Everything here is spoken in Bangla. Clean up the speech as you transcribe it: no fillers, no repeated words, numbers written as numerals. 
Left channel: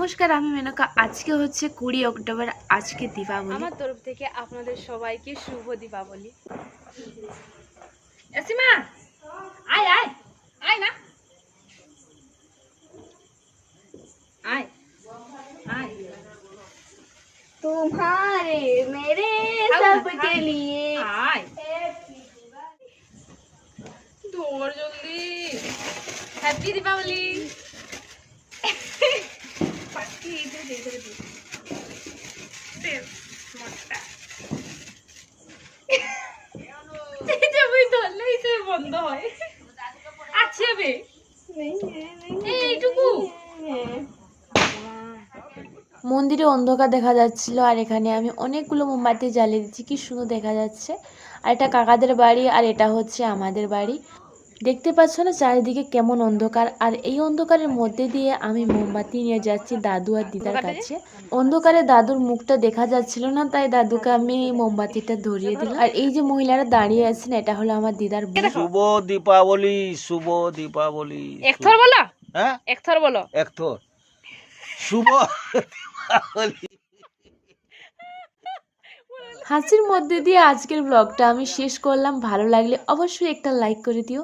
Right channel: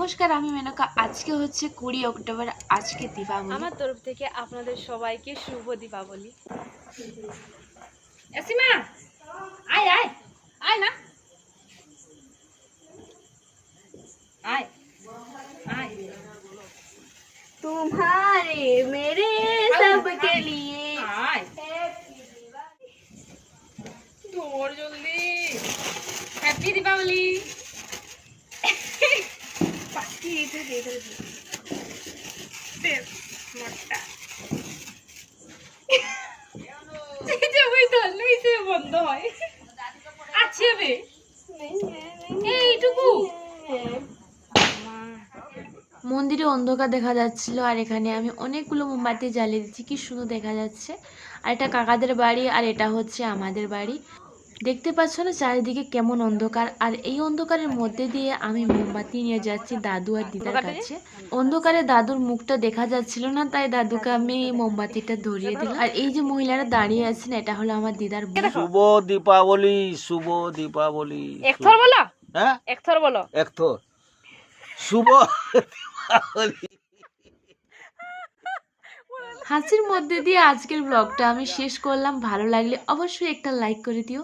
নমস্কার, আমি মেনকা। আজকে হচ্ছে 20 অক্টোবর। আজকে দীপাবলি। আমার তরফ থেকে আপনাদের সবাইকে শুভ দীপাবলি। এসিমা আয় আয় আয় না আয় আয় तुम्हारे मेरे सबके लिए आय दौड़ जल्दी हैप्पी दीपावली बाकी इधर इधर दे मोटा এটা ওই ধরলেই সে বন্ধ হয়। আছে বে এইটুকু মন্দিরে অন্ধকার দেখা যাচ্ছিল, আর এখানে আমি অনেকগুলো মোমবাতি জ্বালিয়ে দিচ্ছি। কি সুন্দর দেখা যাচ্ছে। আর এটা কাকাদের বাড়ি, আর এটা হচ্ছে আমাদের বাড়ি। দেখতে পাচ্ছ না চারিদিকে কেমন অন্ধকার। আর এই অন্ধকারের মধ্যে দিয়ে আমি মোমবাতি নিয়ে যাচ্ছি দাদু আর দিদার কাছে। অন্ধকারে দাদুর মুখটা দেখা যাচ্ছিল না, তাই দাদুকে আমি মোমবাতিটা ধরিয়ে দিলাম। আর এই যে মহিলারা দাঁড়িয়ে আছেন, এটা হলো আমার দিদার বোন। শুভ দীপাবলি, শুভ দীপাবলি। একথর বলো, হ্যাঁ একথর বলো, একথর শুভ দীপাবলি। হাসির মধ্যে দিয়ে আজকের ব্লগটা আমি শেষ করলাম। ভালো লাগলে অবশ্যই একটা লাইক করে দিও।